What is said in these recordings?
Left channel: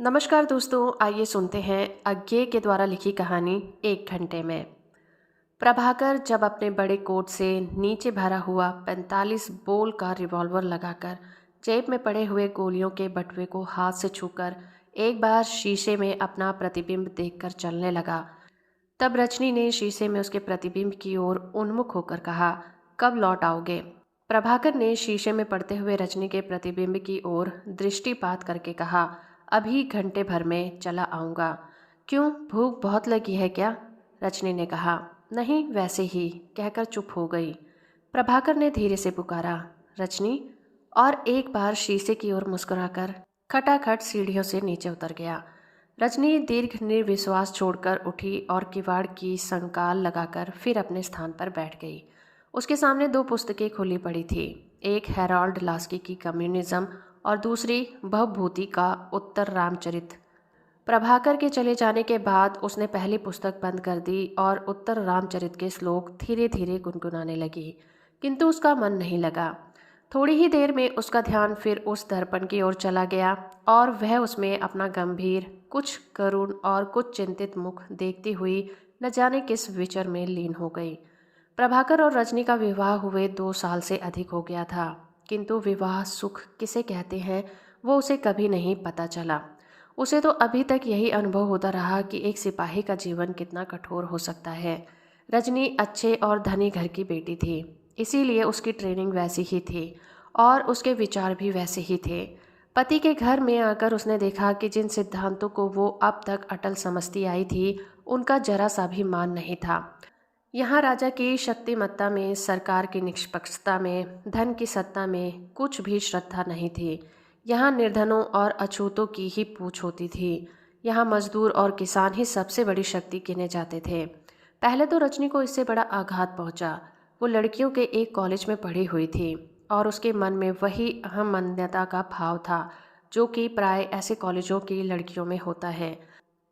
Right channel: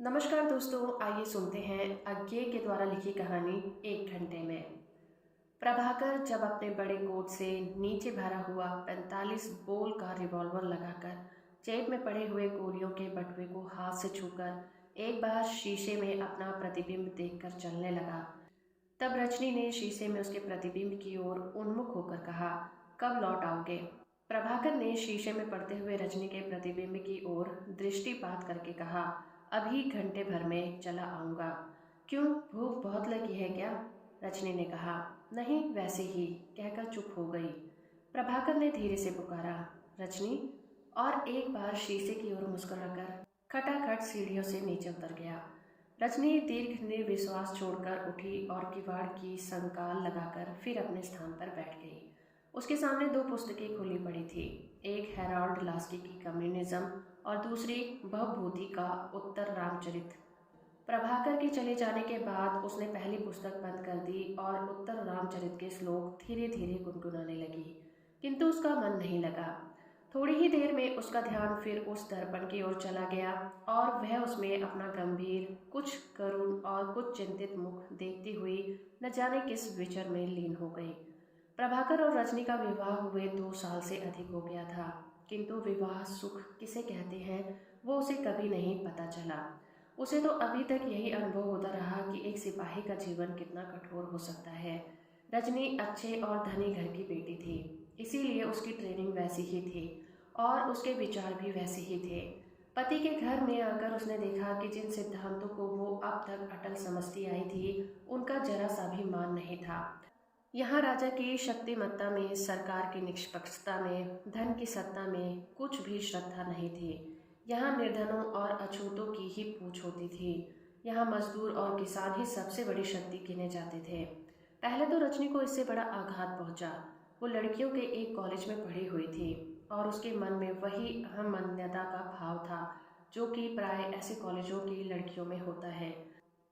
नमस्कार दोस्तों, आइए सुनते हैं अज्ञे के द्वारा लिखी कहानी एक घंटे में। प्रभाकर जब अपने बड़े कोट से नीचे भरा हुआ 45 बोल का रिवॉल्वर लगाकर जेब में पड़े हुए गोलियों के बटुए को हाथ से छूकर एक बार शीशे में अपना प्रतिबिंब देखकर चलने लगा, तब रजनी ने शीशे में उसके प्रतिबिंब की ओर उन्मुख होकर कहा, कब लौट आओगे? प्रभाकर ने शीशे में पड़ते हुए रजनी के प्रतिबिंब की ओर दृष्टिपात करके कहा, अभी घंटे भर में चला आऊँगा। क्यों, भूख बहुत लगी है क्या? रजनी ने कहा, नहीं वैसे ही, कहकर चुप हो गई। प्रभाकर ने धीरे से पुकारा, रजनी, और एक बार शीशे की ओर मुस्कुराकर खटाखट सीढ़ियों से नीचे उतर गया। रजनी दीर्घ निर्विश्वास छोड़कर उठी और किवाड़ की संकाल लगाकर फिर अपने स्थान पर बैठ गई। उसके सामने दो पुस्तकें खुली पड़ी थी, एक हैरोल्ड लास्की की कम्युनिज्म और दूसरी भवभूति का उत्तर रामचरित। प्रभाकर के चले जाने के बाद उसने पहली पुस्तक बंद कर दी और उत्तर रामचरित के श्लोक धीरे धीरे गुनगुनाने लगी, किंतु उसका मन नहीं लगा। थोड़ी ही देर में उसका ध्यान फिर उस दर्पण की ओर चला गया और वह उसमें अपना गंभीर, कुछ करुण और कुछ चिंतित मुख देखती हुई न जाने किस विचर में लीन हो गई। प्रभाकर और रजनी का विवाह हुए 2 साल से अधिक हो गया था, किंतु विवाह सुख किसे कहते हैं वो उसे कभी नहीं पता चला। उसे तो अभी तक यही अनुभव होता रहा कि एक सिपाही का जीवन कितना कठोर हो सकता है। रजनी अच्छे और धनी घर की बेटी थी, इसीलिए उसकी ट्रेनिंग वैसी ही थी और उसके विचार भी वैसे ही थे। पति के घर में आकर उसने देखा कि जिन सिद्धांतों को वो अब तक अटल समझती आई थी, उनका जरा सा भी मान नहीं था। यहाँ राजा की शक्तिमत्ता में, सरकार की निष्पक्षता में, धन की सत्ता में कुछ भी श्रद्धा नहीं थी। यहाँ निर्धनों और अछूतों की ही पूछ होती थी। यहाँ मजदूर और किसान ही सबसे बड़ी शक्ति गिने जाते थे। पहले तो रजनी को इससे बड़ा आघात पहुंचा। वो लड़कियों के एक कॉलेज में पढ़ी हुई थी और उसके मन में वही अहम मान्यता का भाव था जो कि प्राय ऐसे कॉलेजों की लड़कियों में होता है।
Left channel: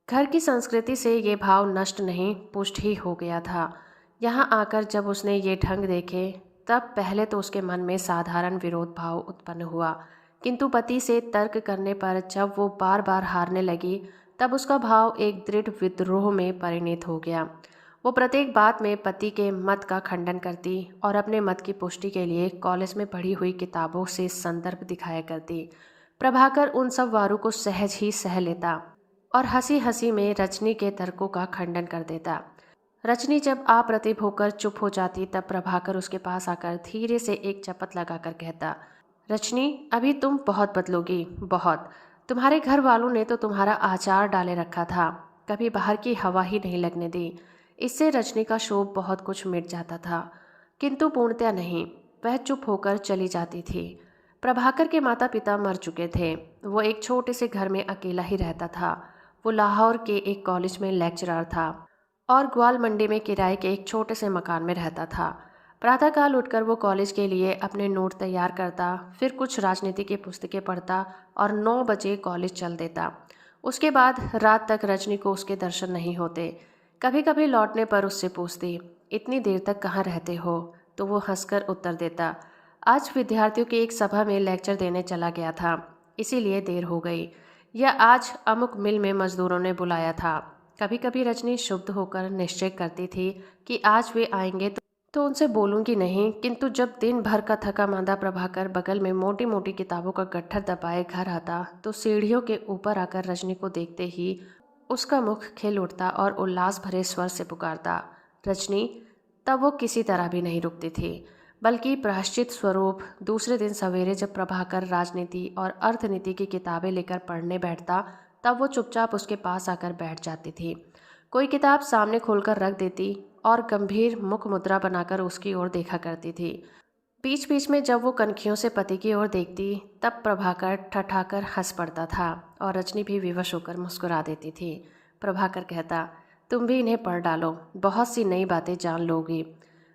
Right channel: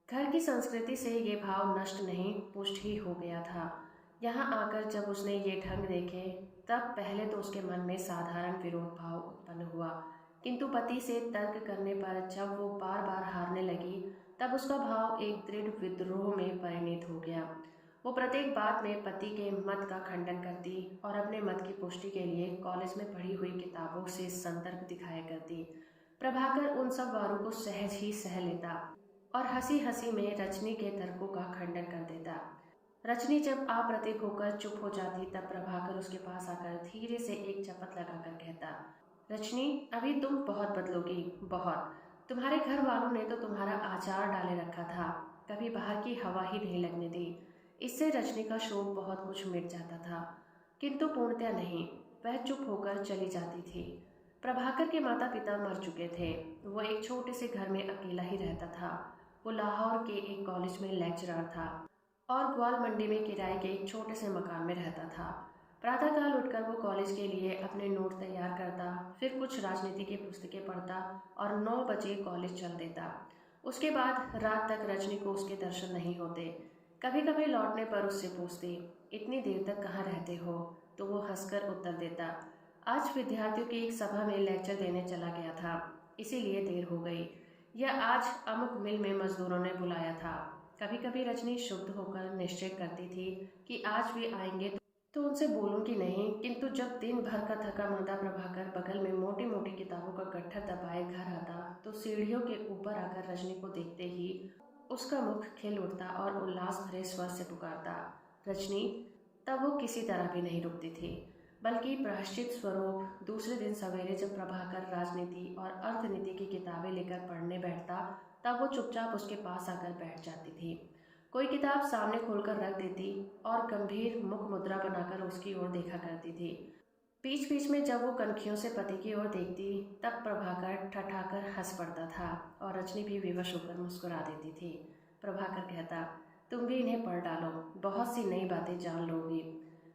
घर की संस्कृति से ये भाव नष्ट नहीं, पुष्ट ही हो गया था। यहाँ आकर जब उसने ये ढंग देखे, तब पहले तो उसके मन में साधारण विरोध भाव उत्पन्न हुआ, किंतु पति से तर्क करने पर जब वो बार बार हारने लगी, तब उसका भाव एक दृढ़ विद्रोह में परिणत हो गया। वो प्रत्येक बात में पति के मत का खंडन करती और अपने मत की पुष्टि के लिए कॉलेज में पढ़ी हुई किताबों से संदर्भ दिखाया करती। प्रभाकर उन सब वारों को सहज ही सह लेता और हंसी हंसी में रजनी के तर्कों का खंडन कर देता। रजनी जब अप्रतिभ होकर चुप हो जाती, तब प्रभाकर उसके पास आकर धीरे से एक चपत लगाकर कहता, रजनी, अभी तुम बहुत बदलोगी, बहुत। तुम्हारे घर वालों ने तो तुम्हारा आचार डाले रखा था, कभी बाहर की हवा ही नहीं लगने दी। इससे रजनी का शोभ बहुत कुछ मिट जाता था, किंतु पूर्णतया नहीं। वह चुप होकर चली जाती थी। प्रभाकर के माता पिता मर चुके थे। वो एक छोटे से घर में अकेला ही रहता था। वो लाहौर के एक कॉलेज में लेक्चरर था और ग्वाल मंडी में किराए के एक छोटे से मकान में रहता था। प्रातःकाल उठकर वो कॉलेज के लिए अपने नोट तैयार करता, फिर कुछ राजनीति की पुस्तकें पढ़ता और 9 बजे कॉलेज चल देता। उसके बाद रात तक रजनी को उसके दर्शन नहीं होते। कभी कभी लौटने पर उससे पूछती, इतनी देर तक कहाँ रहते हो? तो वो हंसकर उत्तर देता, आज विद्यार्थियों की एक सभा में लेक्चर देने चला गया था, इसीलिए देर हो गई। या आज अमुक मिल में मजदूरों ने बुलाया था। कभी कभी रजनी शुद्ध होकर निश्चय करती थी कि आज वे आएंगे तो उनसे बोलूंगी नहीं, किंतु जब दिन भर का थका मांदा प्रभाकर बगल में मोटी मोटी किताबों का गट्ठर दबाए घर आता, तो सीढ़ियों के ऊपर आकर रजनी को देखते ही उसका मुख खिल उठता और उल्लास भरे स्वर से पुकारता, रजनी। तब वो किसी तरह भी नहीं रुकती थी, बल्कि प्रायश्चित स्वरूप दूसरे दिन सवेरे जब प्रभाकर राजनीति और अर्थनीति की किताबें लेकर पढ़ने बैठता, तब वो चुपचाप उसके पास आकर बैठ जाती थी। कोई किताब सामने खोलकर रख देती और गंभीर मुख मुद्रा बनाकर उसकी ओर देखा करती थी। बीच बीच में जब वो कनखियों से पति की ओर देखती, तब प्रभाकर ठठाकर हंस पड़ता था और रजनी भी विवश होकर मुस्कुरा देती थी। प्रभाकर कहता, तुम भी इन्हें पढ़ डालो, बहुत सी नई बातें जान लोगी।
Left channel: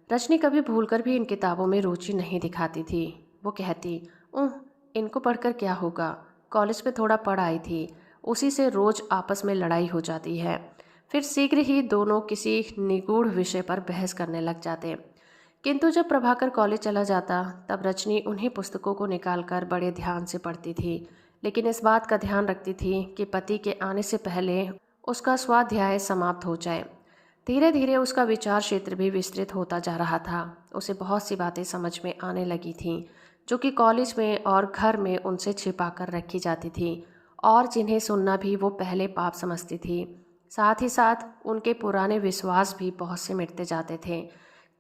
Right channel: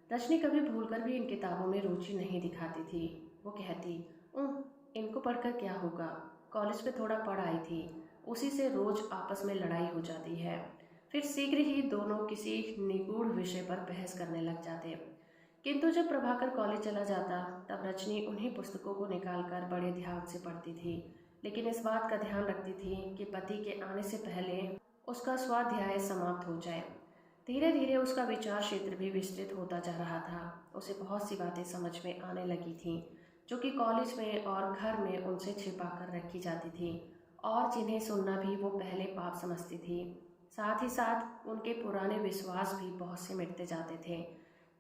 रजनी कभी भूलकर भी इन किताबों में रुचि नहीं दिखाती थी। वो कहती, उह, इनको पढ़कर क्या होगा, कॉलेज में थोड़ा पढ़ आई थी, उसी से रोज आपस में लड़ाई हो जाती है। फिर शीघ्र ही दोनों किसी निगूढ़ विषय पर बहस करने लग जाते। किंतु जब प्रभाकर कॉलेज चला जाता, तब रजनी उन्हीं पुस्तकों को निकालकर बड़े ध्यान से पढ़ती थी। लेकिन इस बात का ध्यान रखती थी कि पति के आने से पहले उसका स्वाध्याय समाप्त हो जाए। धीरे धीरे उसका विचार क्षेत्र भी विस्तृत होता जा रहा था। उसे बहुत सी बातें समझ में आने लगी थीं जो कि कॉलेज में और घर में उनसे छिपा कर रखी जाती थी और जिन्हें सुनना भी वो पहले पाप समझती थी। साथ ही साथ उनके पुराने विश्वास भी बहुत से मिटते जाते थे।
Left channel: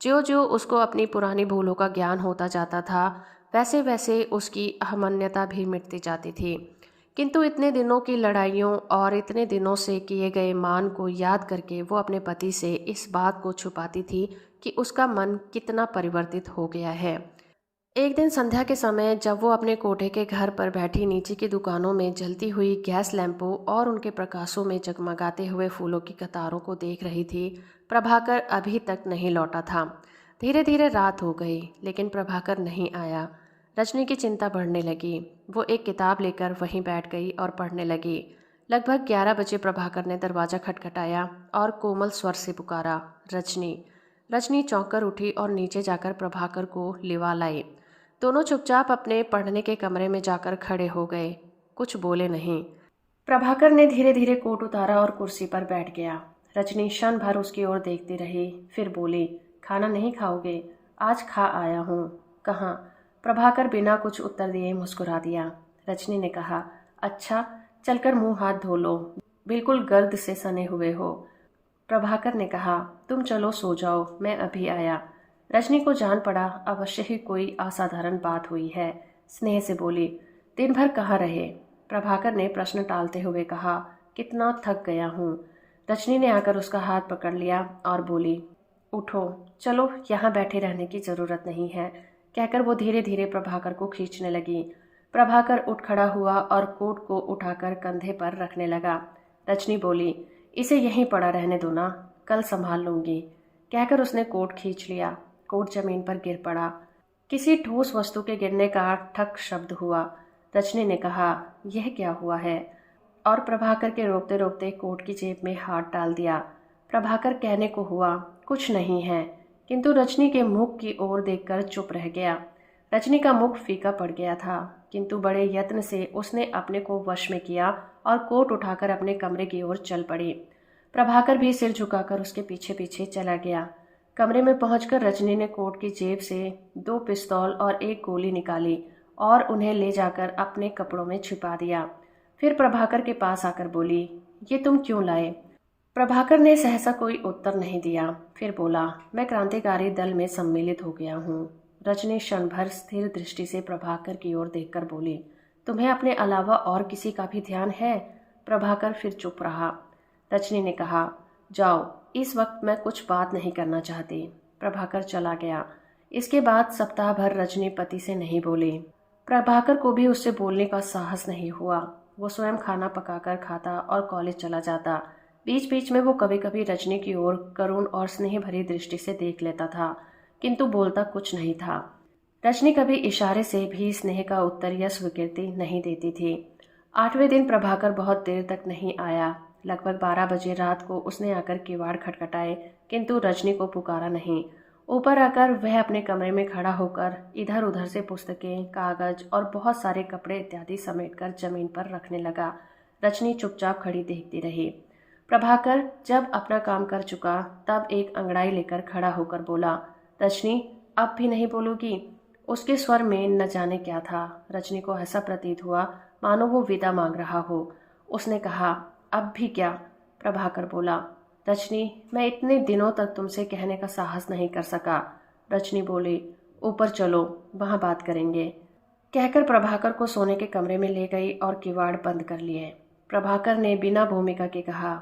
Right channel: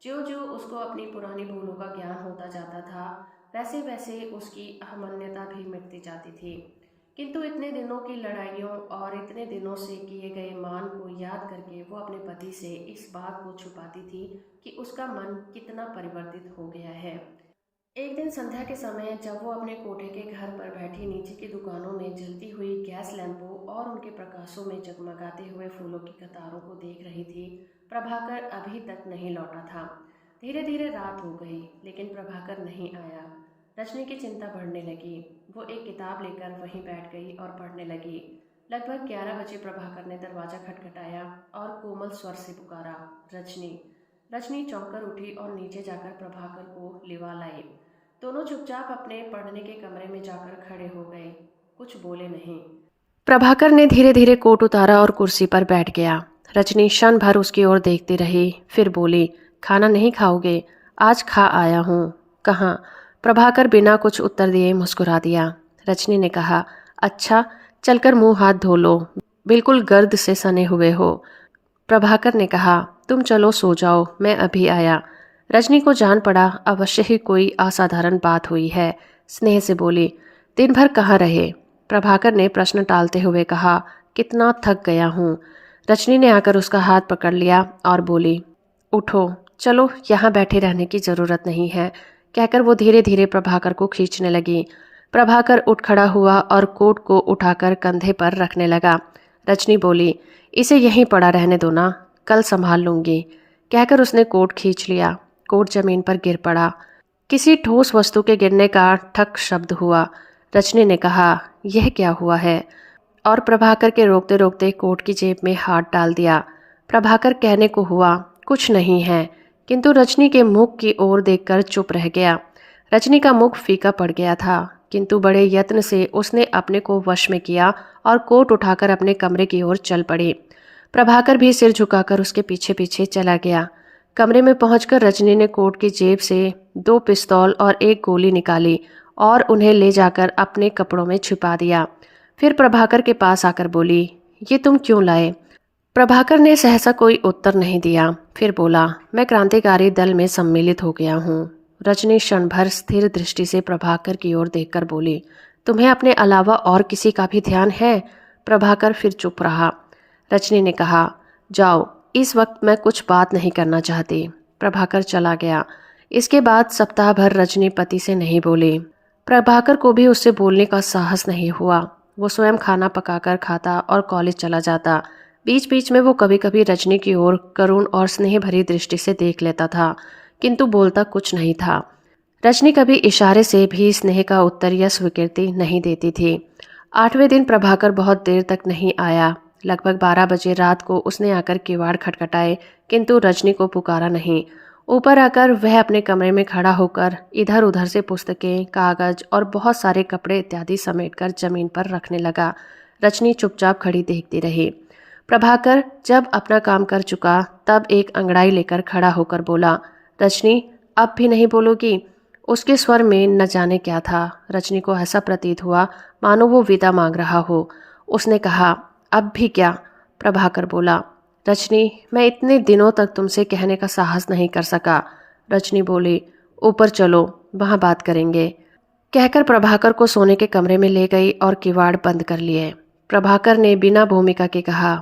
ज्यों ज्यों उसको अपनी पुरानी भूलों का ज्ञान होता जाता था, वैसे वैसे उसकी अहमन्यता भी मिटती जाती थी। किंतु इतने दिनों की लड़ाइयों और इतने दिनों से किए गए मान को याद करके वो अपने पति से इस बात को छुपाती थी कि उसका मन कितना परिवर्तित हो गया है। एक दिन संध्या के समय जब वो अपने कोठे के घर पर बैठी नीचे की दुकानों में जलती हुई गैस लैंपों और उनके प्रकाशों में जगमगाते हुए फूलों की कतारों को देख रही थी, प्रभाकर अभी तक नहीं लौटा था। धीरे धीरे रात हो गई लेकिन प्रभाकर नहीं आया। रजनी की चिंता बढ़ने लगी। वो एक किताब लेकर वहीं बैठ गई और पढ़ने लगी। लगभग 11 बजे प्रभाकर ने दरवाज़ा खटखटाया और कोमल स्वर से पुकारा, रजनी। रजनी चौंक कर उठी और नीचे जाकर प्रभाकर को लिवा लाई। दोनों चुपचाप अपने पढ़ने के कमरे में जाकर खड़े हो गए, कुछ बोले नहीं। प्रभाकर ने धीरे धीरे कोट उतारा और कुर्सी पर बैठ गया। रजनी क्षण भर उसकी ओर देखती रही, फिर बोली, खाना नहीं खाओगे? आज खा आया हूँ। कहाँ? प्रभाकर बिना कुछ उत्तर दिए मुस्कुरा दिया। रजनी ने कहा, अच्छा, चलकर मुंह हाथ धो लो, बिल्कुल गर्द से सने हुए हो। प्रभाकर ने कहा, तुम चलो सो जाओ, मैं अभी आया। रजनी को जान पड़ा अवश्य ही कोई असाधारण बात हुई है। स्नेह से बोली, दिन भर कहाँ रहे? प्रभाकर ने प्रश्न टालते हुए कहा, कितना थक गया हूँ। रजनी ने आकर उसका हाथ पकड़ लिया और बोली, उठो, चलो, यहाँ बैठे रहने की ज़रूरत नहीं है, कहकर वो धीरे धीरे प्रभाकर को खींचने लगी। प्रभाकर उठ खड़ा हुआ और कोट को उठाकर कंधे पर रखने लगा। रजनी बोली, इसे यहीं पड़ा रहने दो ना, कल संभाल लूंगी, कहकर उसने कोट खींच लिया। कोट जमीन पर गिर पड़ा। किसी ठोस वस्तु के गिरने का ठक शब्द हुआ। रजनी ने कहा, यह क्या हुआ है? और प्रभाकर के रोकते रोकते कोट की जेब में हाथ डाल दिया। प्रभाकर कहने को हुआ, कुछ नहीं है, किंतु रजनी के मुख की ओर देखकर चुप रह गया। रजनी का मुख फीका पड़ गया था, किंतु बड़े यत्न से उसने अपने को वश में किया और कोट उठाकर अपने कमरे की ओर चल पड़ी। प्रभाकर भी सिर झुकाकर उसके पीछे पीछे चला गया। कमरे में पहुंचकर रजनी ने कोट की जेब से 2 पिस्तौल और 1 गोली निकाली और उन्हें ले जाकर अपने कपड़ों में छिपा दिया। फिर प्रभाकर के पास आकर बोली, ये तुम क्यों लाए? प्रभाकर ने सहसा कोई उत्तर नहीं दिया। फिर बोला, मैं क्रांतिकारी दल में सम्मिलित हो गया हूँ। रजनी क्षण भर स्थिर दृष्टि से प्रभाकर की ओर देखकर बोली, तुम्हें अपने अलावा और किसी का भी ध्यान है? प्रभाकर फिर चुप रहा। रजनी ने कहा, जाओ, इस वक्त मैं कुछ बात नहीं करना चाहती। प्रभाकर चला गया। इसके बाद सप्ताह भर रजनी पति से नहीं बोली। प्रभाकर को भी उससे बोलने का साहस नहीं हुआ। वो स्वयं खाना पकाकर खाता और कॉलेज चला जाता। बीच बीच में वो कभी कभी रजनी की ओर करुण और स्नेह भरी दृष्टि से देख लेता था, किंतु बोलता कुछ नहीं था। रजनी कभी इशारे से भी स्नेह का उत्तर या स्वीकृति नहीं देती थी। 8वें दिन प्रभाकर बहुत देर तक नहीं आया। लगभग 12 बजे रात को उसने आकर किवाड़ खटखटाए, किंतु रजनी को पुकारा नहीं। ऊपर आकर वह अपने कमरे में खड़ा होकर इधर उधर से पुस्तकें, कागज और बहुत सारे कपड़े इत्यादि समेटकर जमीन पर रखने लगा। रजनी चुपचाप खड़ी देखती रही। प्रभाकर जब अपना काम कर चुका तब एक अंगड़ाई लेकर खड़ा होकर बोला, रजनी, अब भी नहीं बोलोगी? उसके स्वर में न जाने क्या था। रजनी को ऐसा प्रतीत हुआ मानो वो विदा मांग रहा हो। उसने कहा, अब भी क्या? प्रभाकर बोला, रजनी, मैं इतने दिनों तक तुमसे कहने का साहस नहीं कर सका। रजनी बोली, ऊपर चलो, वहाँ बात करेंगे, कहकर प्रभाकर को सोने के कमरे में ले गई और किवाड़ बंद कर लिए। प्रभाकर ने बिना भूमिका के कहा,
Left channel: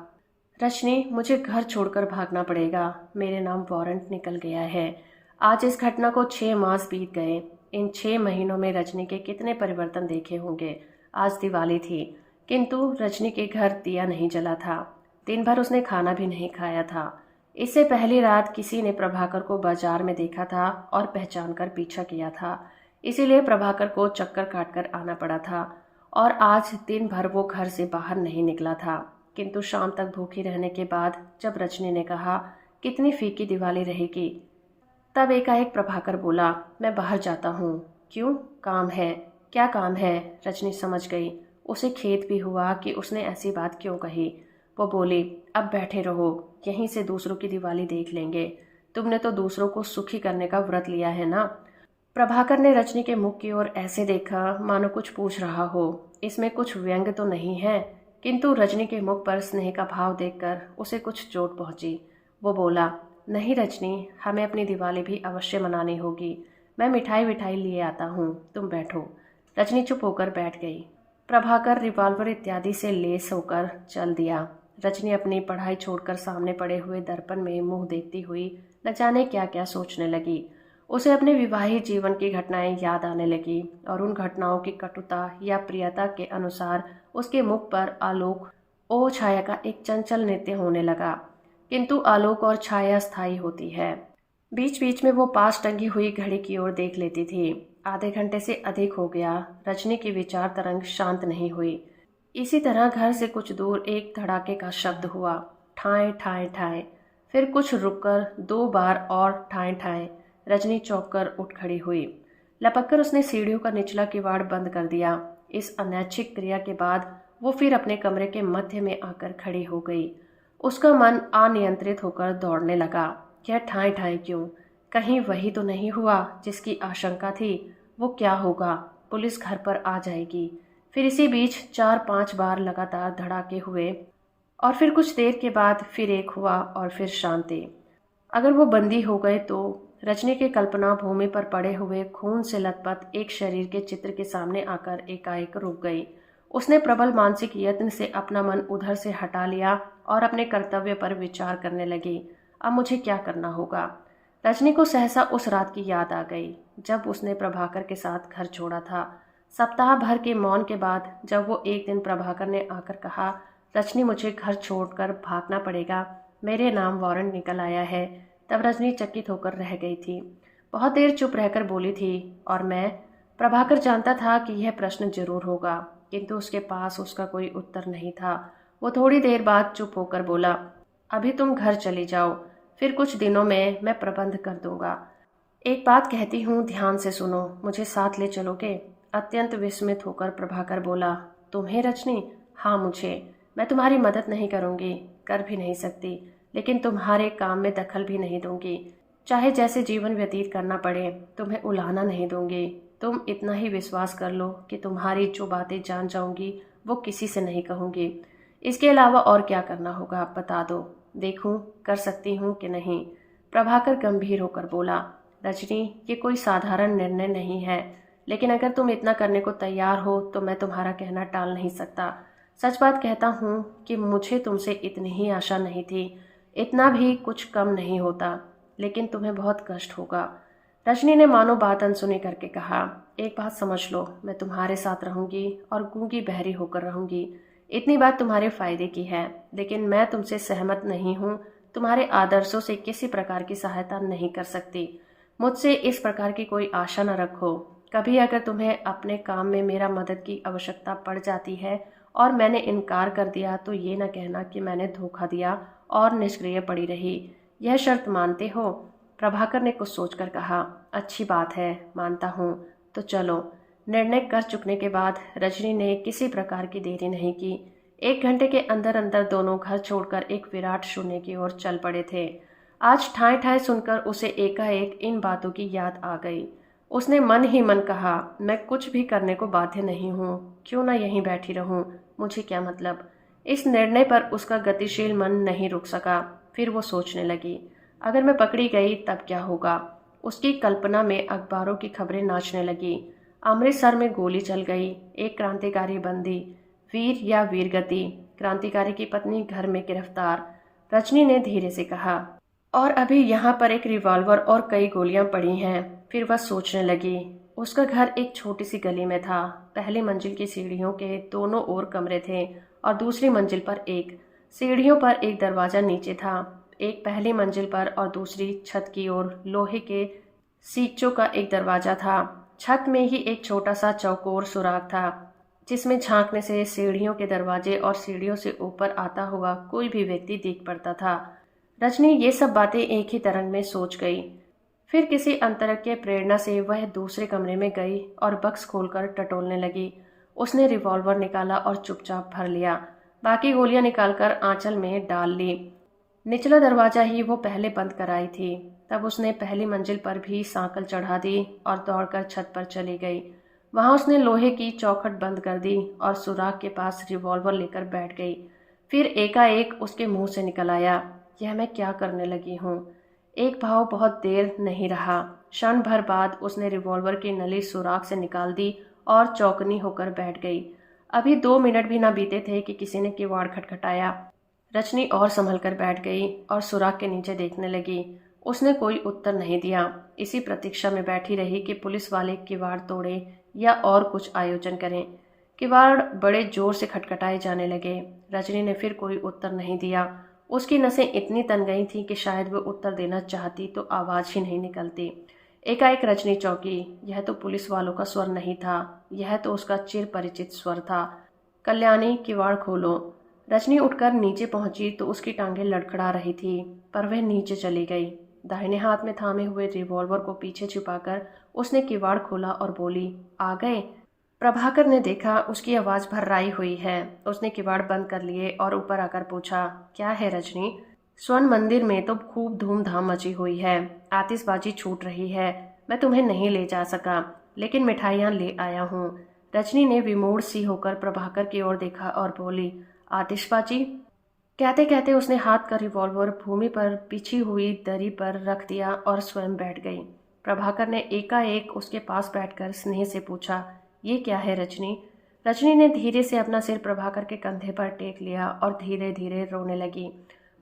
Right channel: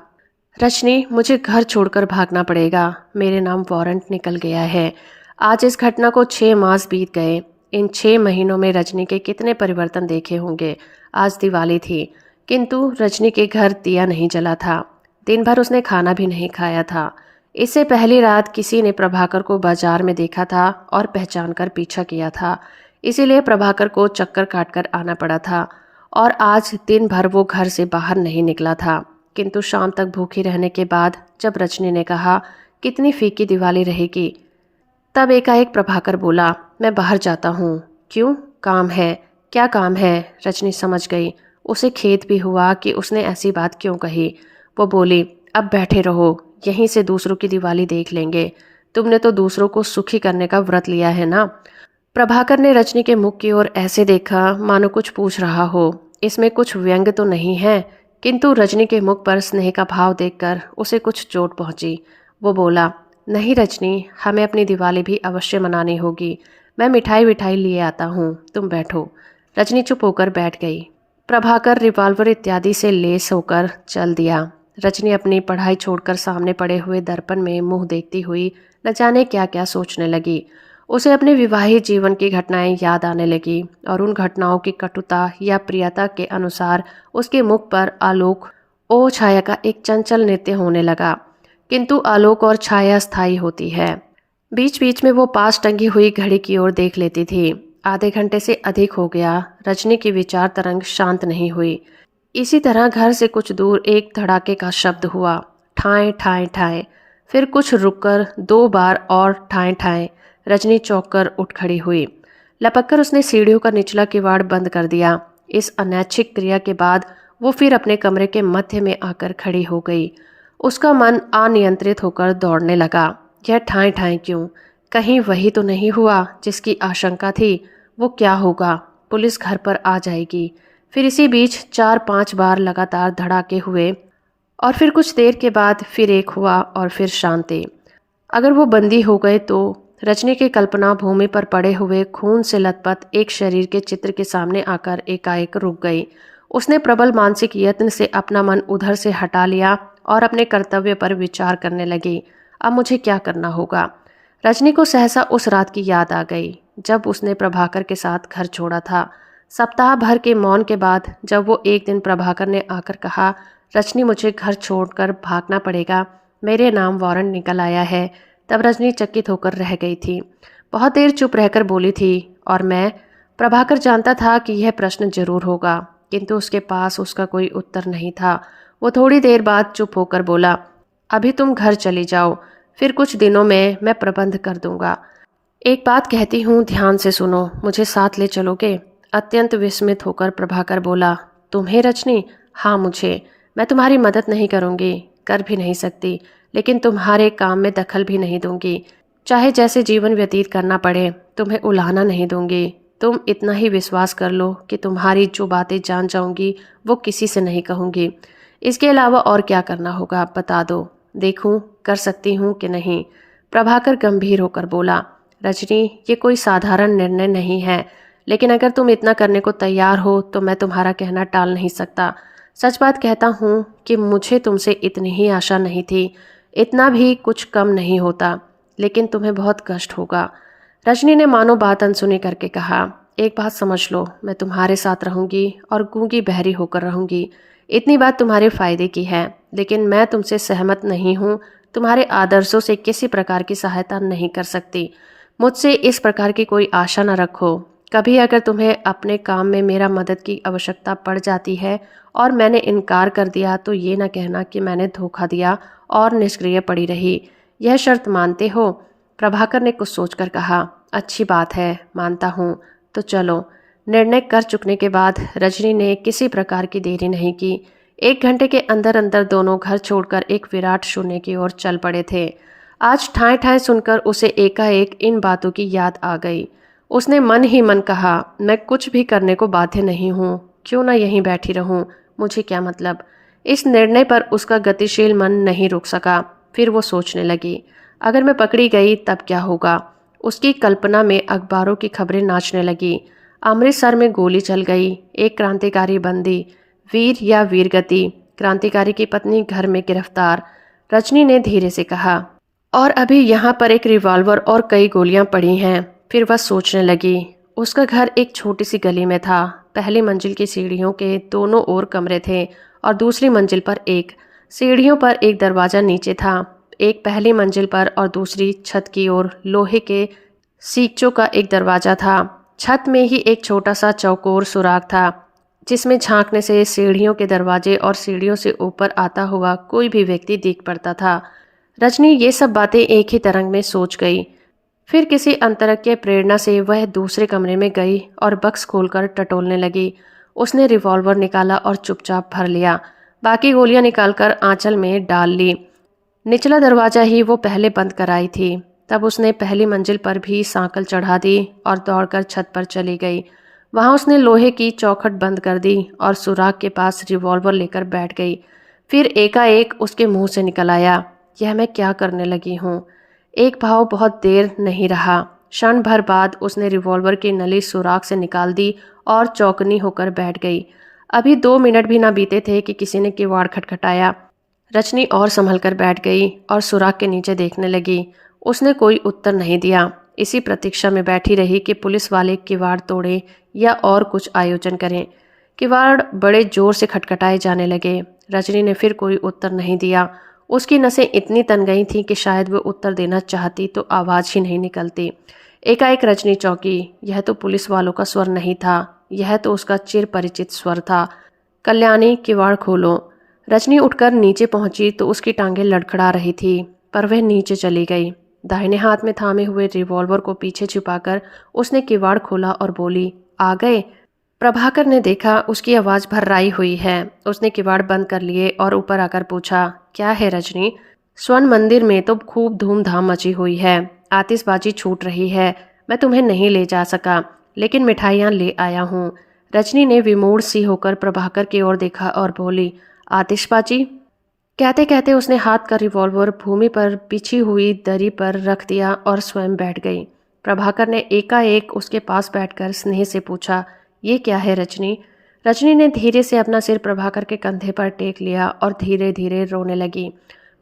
रजनी, मुझे घर छोड़कर भागना पड़ेगा, मेरे नाम वारंट निकल गया है। आज इस घटना को 6 मास बीत गए। इन 6 महीनों में रजनी के कितने परिवर्तन देखे होंगे। आज दिवाली थी, किंतु रजनी के घर दिया नहीं जला था। दिन भर उसने खाना भी नहीं खाया था। इससे पहली रात किसी ने प्रभाकर को बाजार में देखा था और पहचान कर पीछा किया था, इसीलिए प्रभाकर को चक्कर काटकर आना पड़ा था। और आज दिन भर वो घर से बाहर नहीं निकला था। किंतु शाम तक भूखी रहने के बाद जब रजनी ने कहा, कितनी फीकी दिवाली रहेगी, तब एकाएक प्रभाकर बोला, मैं बाहर जाता हूँ। क्यों? काम है। क्या काम है? रजनी समझ गई। उसे खेद भी हुआ कि उसने ऐसी बात क्यों कही। वो बोली, अब बैठे रहो, यहीं से दूसरों की दिवाली देख लेंगे। तुमने तो दूसरों को सुखी करने का व्रत लिया है ना। प्रभाकर ने रजनी के मुख की ओर ऐसे देखा मानो कुछ पूछ रहा हो। इसमें कुछ व्यंग तो नहीं है, किंतु रजनी के मुख पर स्नेह का भाव देखकर उसे कुछ चोट पहुंची। वो बोला, नहीं रजनी, हमें अपनी दिवाली भी अवश्य मनानी होगी। मैं मिठाई विठाई लिए आता हूँ, तुम बैठो। रजनी चुप होकर बैठ गई। प्रभाकर रिवॉल्वर इत्यादि से लेस होकर चल दिया। रजनी अपनी पढ़ाई छोड़कर सामने पड़े हुए दर्पण में मुंह देखती हुई न जाने क्या क्या सोचने लगी। उसे अपने विवाहित जीवन की घटनाएं याद आने लगी और उन घटनाओं की कटुता या प्रियता के अनुसार उसके मुख पर आलोक ओ छाया का एक चंचल नृत्य होने लगा। किंतु आलोक और छाया स्थायी होती है। बीच बीच में वो पास टंगी हुई घड़ी की ओर देख लेती थी। आधे घंटे से अधिक हो गया, रजनी की विचार तरंग शांत नहीं हुई। इसी तरह घर से कुछ दूर एक धड़ाके का शब्द हुआ, ठाएं ठाएं ठाएं। फिर कुछ रुककर 2 बार और ठाएं ठाएं। रजनी चौंक कर उठ खड़ी हुई। लपक कर उसने सीढ़ियों का निचला किवाड़ बंद कर दिया। इस अनैच्छिक क्रिया के बाद वो फिर अपने कमरे के मध्य में आकर खड़ी हो गई। उसका मन अनियंत्रित होकर दौड़ने लगा। यह ठाएं ठाएं क्यों? कहीं वही तो नहीं हुआ जिसकी आशंका थी? वो क्या होगा? पुलिस घर पर आ जाएगी। फिर इसी बीच 4-5 बार लगातार धड़ाके हुए और फिर कुछ देर के बाद फिर एक हुआ और फिर शांति। अगर वो बंदी हो गए तो? रजनी के कल्पना भूमि पर पड़े हुए खून से लथपथ एक शरीर के चित्र के सामने आकर एकाएक रुक गई। उसने प्रबल मानसिक यत्न से अपना मन उधर से हटा लिया और अपने कर्तव्य पर विचार करने लगी। अब मुझे क्या करना होगा? रजनी को सहसा उस रात की याद आ गई जब उसने प्रभाकर के साथ घर छोड़ा था। सप्ताह भर के मौन के बाद जब वो एक दिन प्रभाकर ने आकर कहा, रजनी मुझे घर छोड़कर भागना पड़ेगा, मेरे नाम वारंट निकल आया है, तब रजनी चकित होकर रह गई थी। बहुत देर चुप रहकर बोली थी, और मैं? प्रभाकर जानता था कि यह प्रश्न जरूर होगा, किंतु उसके पास उसका कोई उत्तर नहीं था। वो थोड़ी देर बाद चुप होकर बोला, अभी तुम घर चली जाओ, फिर कुछ दिनों में मैं प्रबंध कर दूंगा। एक बात कहती हूँ, ध्यान से सुनो, मुझे साथ ले चलोगे? अत्यंत विस्मित होकर प्रभाकर बोला, तुम्हें रजनी? हाँ मुझे। मैं तुम्हारी मदद नहीं करूँगी, कर भी नहीं सकती, लेकिन तुम्हारे काम में दखल भी नहीं दूंगी। चाहे जैसे जीवन व्यतीत करना पड़े, तुम्हें उलाहना नहीं दूंगी। तुम इतना ही विश्वास कर लो कि तुम्हारी जो बातें जान जाऊंगी वो किसी से नहीं कहूँगी। इसके अलावा और क्या करना होगा बता दो, देखूं कर सकती हूँ कि नहीं। प्रभाकर गंभीर होकर बोला, रजनी ये कोई साधारण निर्णय नहीं है, लेकिन अगर तुम इतना करने को तैयार हो तो मैं तुम्हारा कहना टाल नहीं सकता। सच बात कहता हूँ कि मुझे तुमसे इतनी ही आशा नहीं थी, इतना भी कुछ कम नहीं होता, लेकिन तुम्हें बहुत कष्ट होगा। रजनी ने मानो बात अनसुनी करके कहा, एक बात समझ लो, मैं तुम्हारे साथ रहूंगी और गूंगी बहरी होकर रहूंगी। इतनी बात तुम्हारे फायदे की है, लेकिन मैं तुमसे सहमत नहीं हूँ, तुम्हारे आदर्शों से किसी प्रकार की सहायता नहीं कर सकती। मुझसे इस प्रकार की कोई आशा न रखो। कभी अगर तुम्हें अपने काम में मेरा मदद की आवश्यकता पड़ जाती है और मैंने इनकार कर दिया तो ये न कहना कि मैंने धोखा दिया और निष्क्रिय पड़ी रही। यह शर्त मानते हो? प्रभाकर ने कुछ सोचकर कहा, अच्छी बात है, मानता हूँ, तो चलो। निर्णय कर चुकने के बाद रजनी ने किसी प्रकार की देरी नहीं की। 1 घंटे के अंदर अंदर दोनों घर छोड़कर एक विराट शून्य की ओर चल पड़े थे। आज ठाएं ठाएं सुनकर उसे एकाएक इन बातों की याद आ गई। उसने मन ही मन कहा, मैं कुछ भी करने को बाध्य नहीं हूँ, क्यों ना यहीं बैठी रहूँ, मुझे क्या मतलब। इस निर्णय पर उसका गतिशील मन नहीं रुक सका। फिर वो सोचने लगी, अगर मैं पकड़ी गई तब क्या होगा। उसकी कल्पना में अखबारों की खबरें नाचने लगी। अमृतसर में गोली चल गई, एक क्रांतिकारी बंदी, वीर या वीरगति, क्रांतिकारी की पत्नी घर में गिरफ्तार। रजनी ने धीरे से कहा, और अभी यहाँ पर एक रिवॉल्वर और कई गोलियां पड़ी हैं। फिर वह सोचने लगी, उसका घर एक छोटी सी गली में था। पहली मंजिल की सीढ़ियों के दोनों ओर कमरे थे और दूसरी मंजिल पर एक। सीढ़ियों पर एक दरवाज़ा नीचे था, एक पहली मंजिल पर और दूसरी छत की ओर लोहे के सीकचों का एक दरवाज़ा था। छत में ही एक छोटा सा चौकोर सुराख था, जिसमें झांकने से सीढ़ियों के दरवाजे और सीढ़ियों से ऊपर आता हुआ कोई भी व्यक्ति दिख पड़ता था। रजनी ये सब बातें एक ही तरंग में सोच गई। फिर किसी अंतरंग के प्रेरणा से वह दूसरे कमरे में गई और बक्स खोलकर टटोलने लगी। उसने रिवॉल्वर निकाला और चुपचाप भर लिया। बाकी गोलियां निकालकर आंचल में डाल ली। निचला दरवाज़ा ही वो पहले बंद कराई थी। तब उसने पहली मंजिल पर भी सांकल चढ़ा दी और दौड़कर छत पर चली गई। वहां उसने लोहे की चौखट बंद कर दी और सुराग के पास रिवॉल्वर लेकर बैठ गई। फिर एकाएक उसके मुंह से निकल आया, यह मैं क्या करने लगी हूँ। एक भाव बहुत देर नहीं रहा। क्षण भर बाद उसने रिवॉल्वर की नली सुराग से निकाल दी और चौकनी होकर बैठ गई। अभी 2 मिनट भी ना बीते थे कि किसी ने किवाड़ खटखटाया। रजनी और संभल कर बैठ गई और सुराग के नीचे देखने लगी। उसने कोई उत्तर नहीं दिया। इसी प्रतीक्षा में बैठी रही कि पुलिस वाले किवाड़ तोड़े या और कुछ आयोजन करें। किवाड़ बड़े जोर से खटखटाए जाने लगे। रजनी ने फिर कोई उत्तर नहीं दिया। उसकी नसें इतनी तन गई थीं कि शायद वो उत्तर देना चाहती तो आवाज़ ही नहीं निकलती। एकाएक रजनी चौंकी। यह तो पुलिस वालों का स्वर नहीं था, यह तो उसका चिर परिचित स्वर था। कल्याणी, किवाड़ खोलो। रजनी उठकर नीचे पहुंची तो उसकी टांगें लड़खड़ा रही थी, पर वह नीचे चली गई। दाहिने हाथ में थामे हुए रिवॉल्वर को पीछे छिपाकर उसने किवाड़ खोला और बोली, आ गए। प्रभाकर ने देखा उसकी आवाज़ भर्राई हुई है। उसने किवाड़ बंद कर लिए और ऊपर आकर पूछा, क्या है रजनी? स्वर्ण मंदिर में तो खूब धूमधाम मची हुई है, आतिशबाजी छूट रही है। मैं तुम्हें नहीं ले जा सका, लेकिन मिठाइयाँ ले आया हूँ। रजनी ने विमूढ़ सी होकर प्रभाकर की ओर देखा और बोली, आतिशबाजी? कहते कहते उसने हाथ का रिवॉल्वर भूमि पर बिछी हुई दरी पर रख दिया और स्वयं बैठ गई। प्रभाकर ने एकाएक उसके पास बैठकर स्नेह से पूछा, ये क्या है रजनी? रजनी ने धीरे से अपना सिर प्रभाकर के कंधे पर टेक लिया और धीरे धीरे रोने लगी।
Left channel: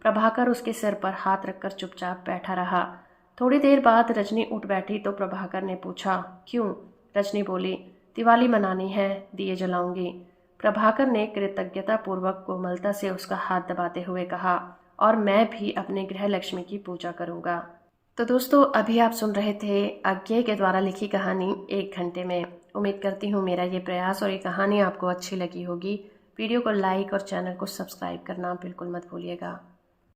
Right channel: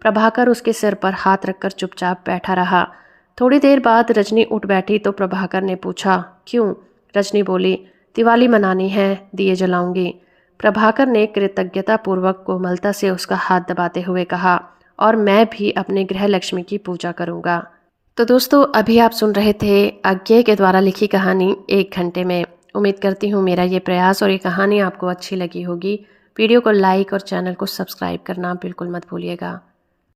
प्रभाकर उसके सिर पर हाथ रखकर चुपचाप बैठा रहा। थोड़ी देर बाद रजनी उठ बैठी तो प्रभाकर ने पूछा, क्यों? रजनी बोली, दिवाली मनानी है, दिए जलाऊंगी। प्रभाकर ने कृतज्ञतापूर्वक कोमलता से उसका हाथ दबाते हुए कहा, और मैं भी अपने गृह लक्ष्मी की पूजा करूंगा। तो दोस्तों, अभी आप सुन रहे थे अज्ञे के द्वारा लिखी कहानी 1 घंटे में। उम्मीद करती हूँ मेरा ये प्रयास और ये कहानी आपको अच्छी लगी होगी। वीडियो को लाइक और चैनल को सब्सक्राइब करना बिल्कुल मत भूलिएगा।